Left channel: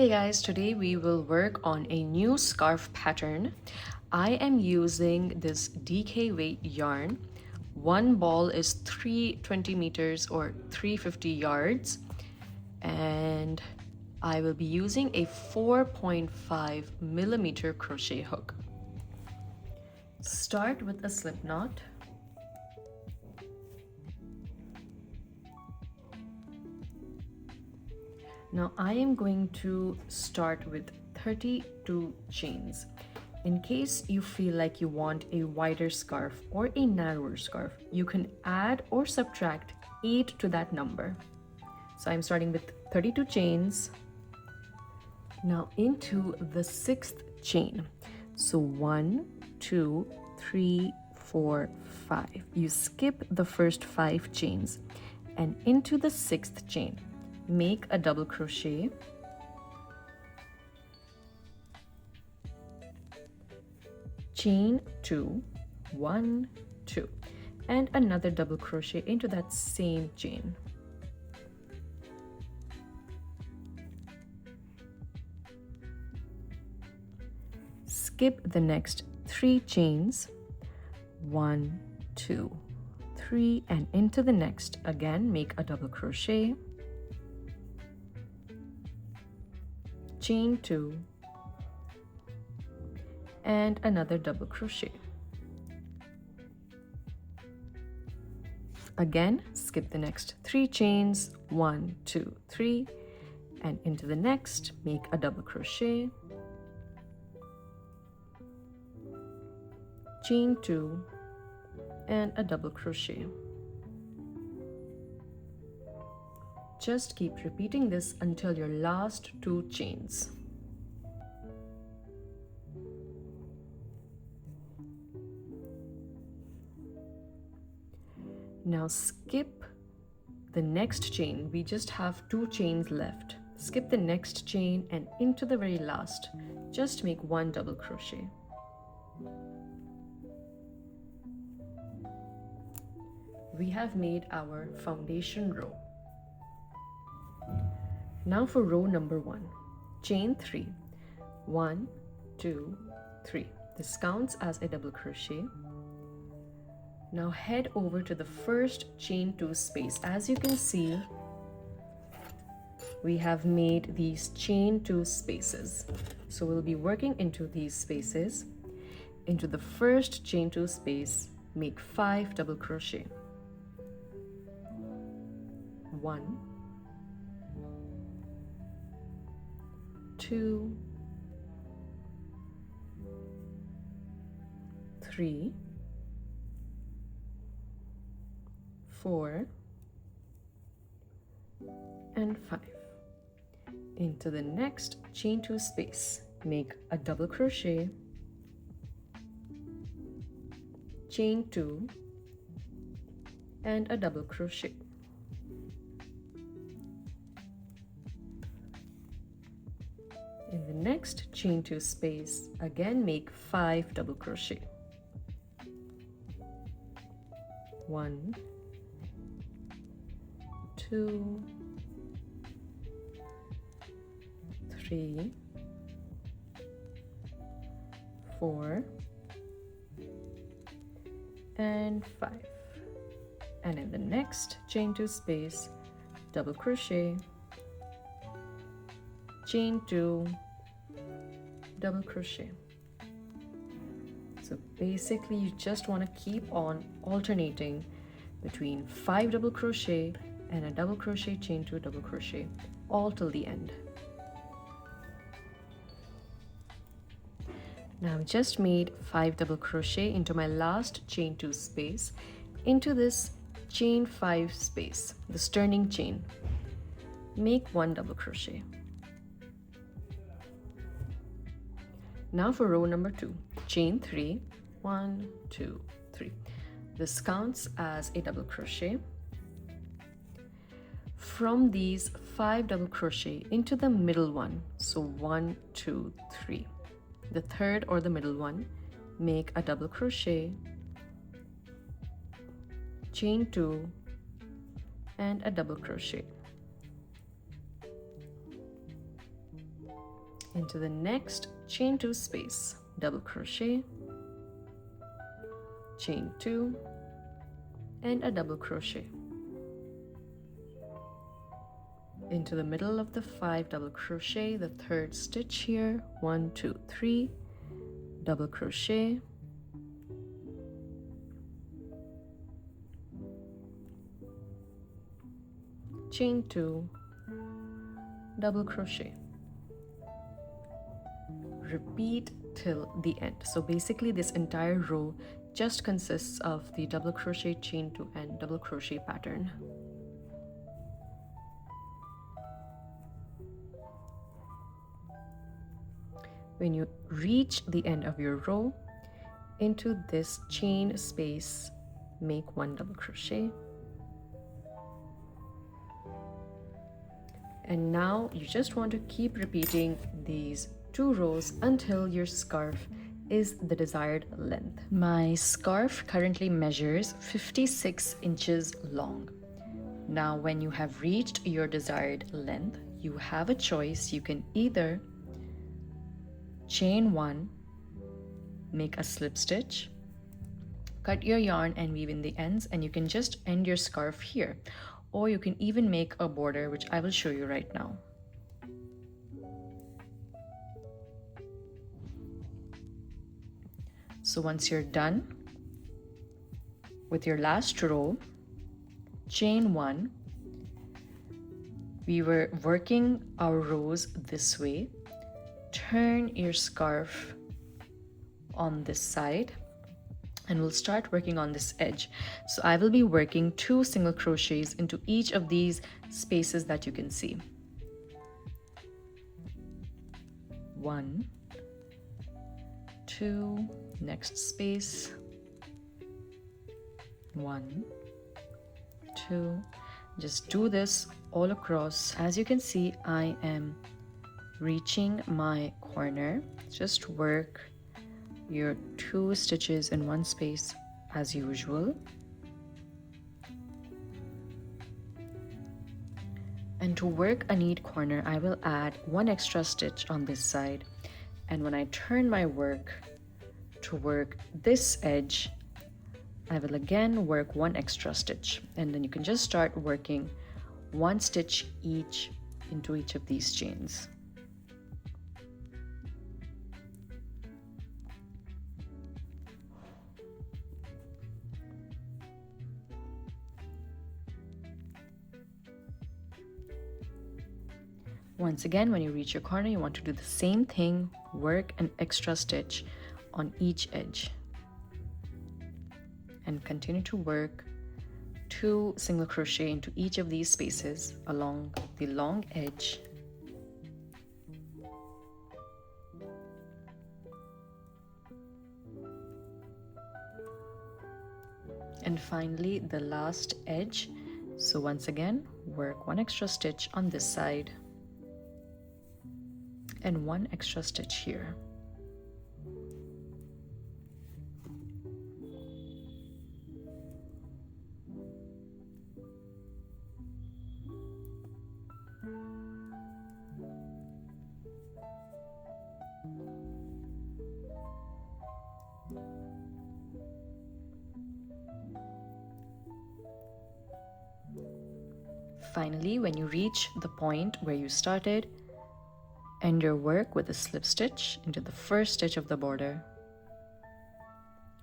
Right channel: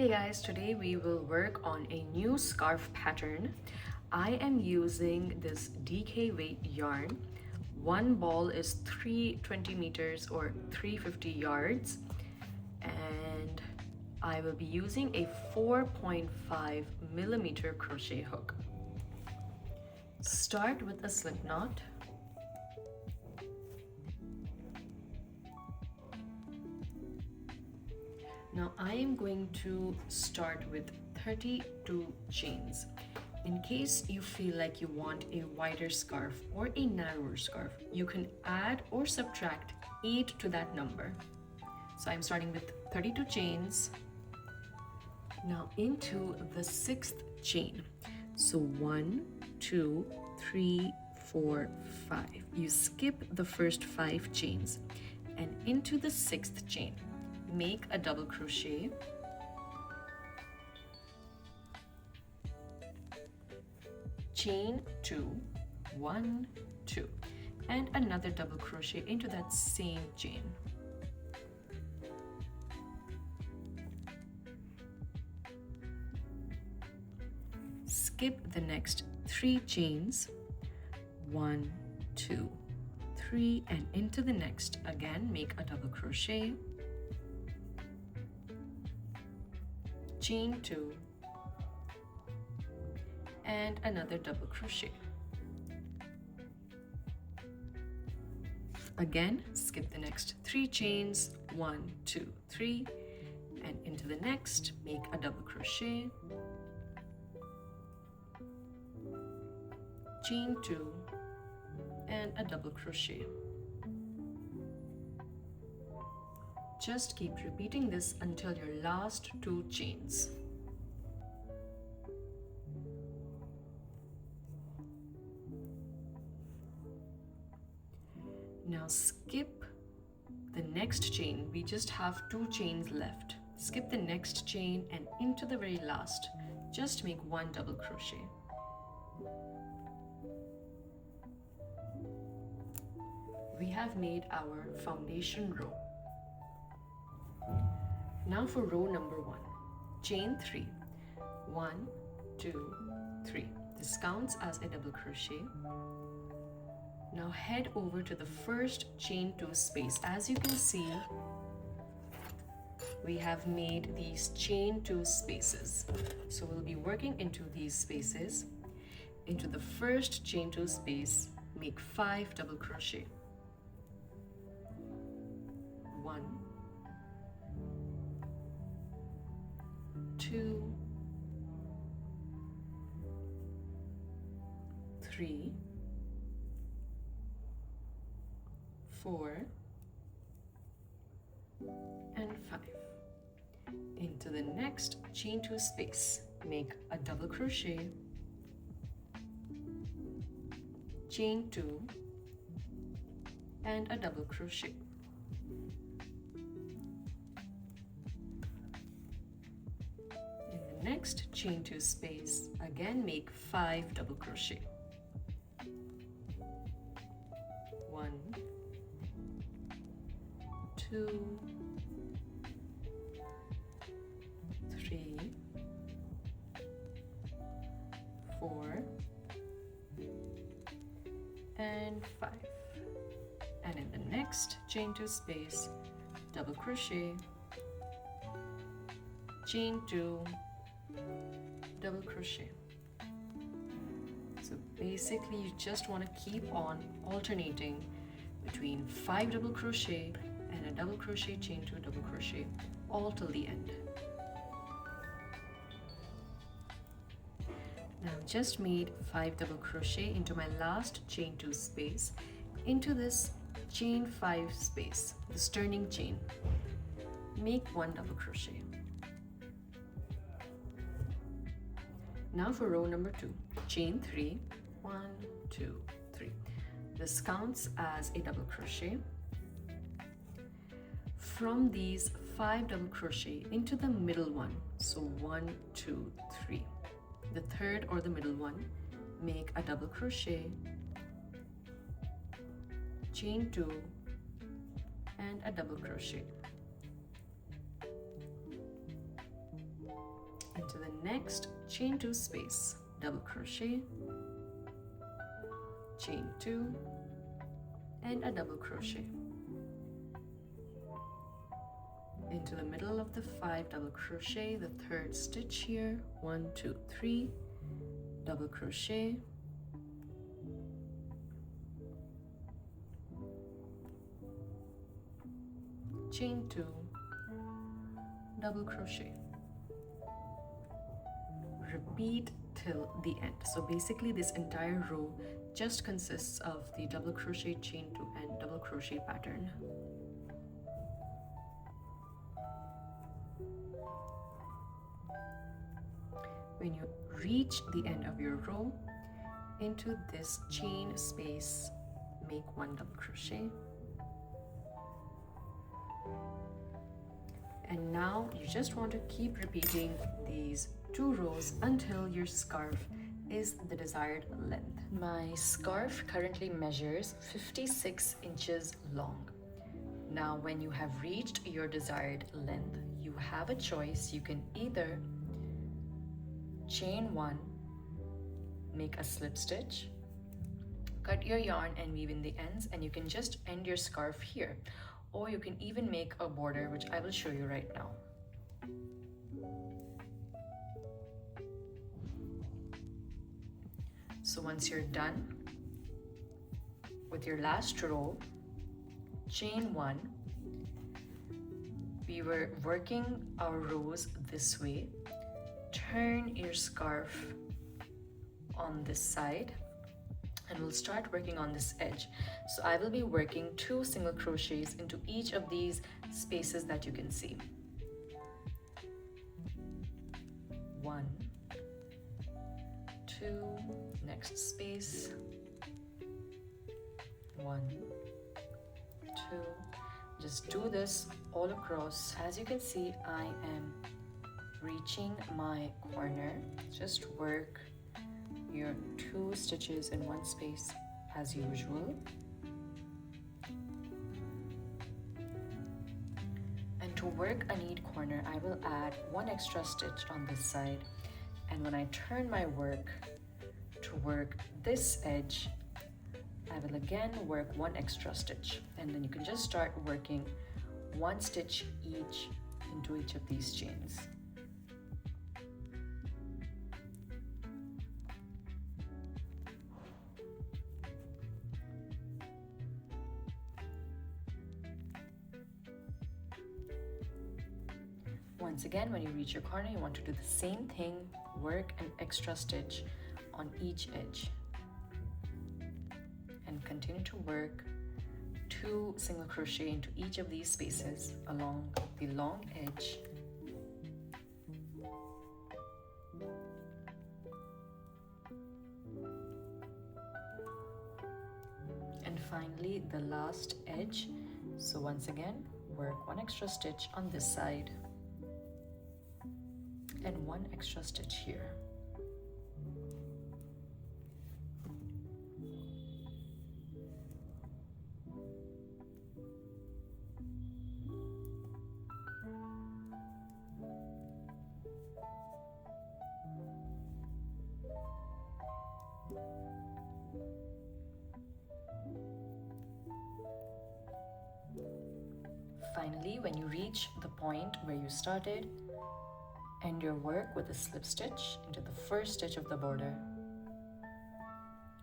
Hey guys, today we will work on a new scarf pattern. I am using this DK weight yarn. One ball is 320 meters or 350 yards, and I will be using a 4.5 millimeter crochet hook. Start with a slip knot. Now I am going to start with 32 chains. In case you feel like you want a wider scarf or a narrower scarf, you can add or subtract 8 to that number. So I'm starting with 32 chains. Now into the 6th chain. So 1, 2, 3, 4, 5. You skip the first 5 chains and into the 6th chain. Make a double crochet, chain 2, 1, 2, and another double crochet into that same chain. Skip the next 3 chains, 1, 2, 3, and into the next. Again, make a double crochet, chain 2, and another double crochet. Again, skip the next 3 chains, 1, 2, 3, and into the next, make a double crochet, chain 2, and a double crochet. Just keep repeating this until your last 2 chains. Now skip the next chain. We just have 2 chains left. Skip the next chain and into the very last. Just make 1 double crochet. We have made our foundation row. Now for row number 1, chain 3, 1, 2, 3. This counts as a double crochet. Now head over to the first chain 2 space. As you can see, we have made these chain 2 spaces. So we'll be working into these spaces. Into the first chain 2 space, make 5 double crochet. 1, 2, 3, 4, and 5. Into the next chain 2 space, make a double crochet, chain 2, and a double crochet. In the next chain 2 space, again make 5 double crochet. 1, 2, 3, 4, and 5. And in the next chain 2 space, double crochet, chain 2, double crochet. So basically you just want to keep on alternating between 5 double crochet and a double crochet, chain 2, double crochet, all till the end. Now I've just made 5 double crochet into my last chain 2 space, into this chain 5 space, this turning chain. Make 1 double crochet. Now for row number 2, chain 3, 1, 2, 3. This counts as a double crochet. From these 5 double crochet into the middle one, so 1, 2, 3. The third or the middle one, make a double crochet, chain 2, and a double crochet. Into the next chain 2 space, double crochet, chain 2, and a double crochet. Into the middle of the 5 double crochet, the 3rd stitch here, 1 2 3, double crochet, chain 2, double crochet. Repeat till the end. So basically this entire row just consists of the double crochet, chain 2, and double crochet pattern. When you reach the end of your row, into this chain space, make 1 double crochet. And now you just want to keep repeating these 2 rows until your scarf is the desired length. My scarf currently measures 56 inches long. Now, when you have reached your desired length, you have a choice. You can either chain 1, make a slip stitch, cut your yarn and weave in the ends, and you can just end your scarf here. Or you can even make a border, which I will show you right now. So once you're done with your last row, chain 1. We were working our rows this way. Turn your scarf on this side and we'll start working on this edge. So I will be working 2 single crochets into each of these spaces that you can see. 1, 2, next space, 1, 2. Just do this all across. As you can see, I am reaching my corner. Just work your 2 stitches in one space as usual. And to work a neat corner, I will add 1 extra stitch on this side. And when I turn my work to work this edge, I will again work 1 extra stitch. And then you can just start working 1 stitch each into each of these chains. Once again, when you reach your corner, you want to do the same thing, work an extra stitch on each edge. And continue to work 2 single crochet into each of these spaces along the long edge. And finally, the last edge. So once again, work 1 extra stitch on this side and 1 extra stitch here. Finally, when you reach the point where you started, end your work with a slip stitch into the first stitch of the border.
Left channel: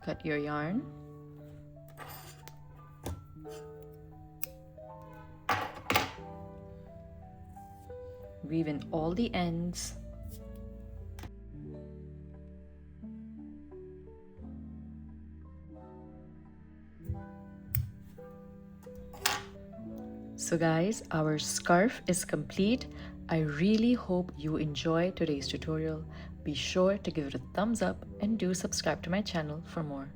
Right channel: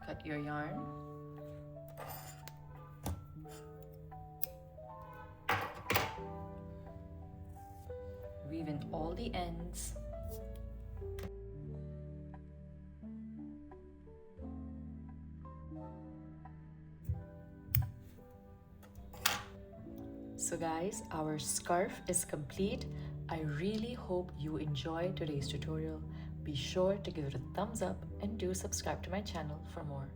Cut your yarn. Weave in all the ends. So guys, our scarf is complete. I really hope you enjoyed today's tutorial. Be sure to give it a thumbs up and do subscribe to my channel for more.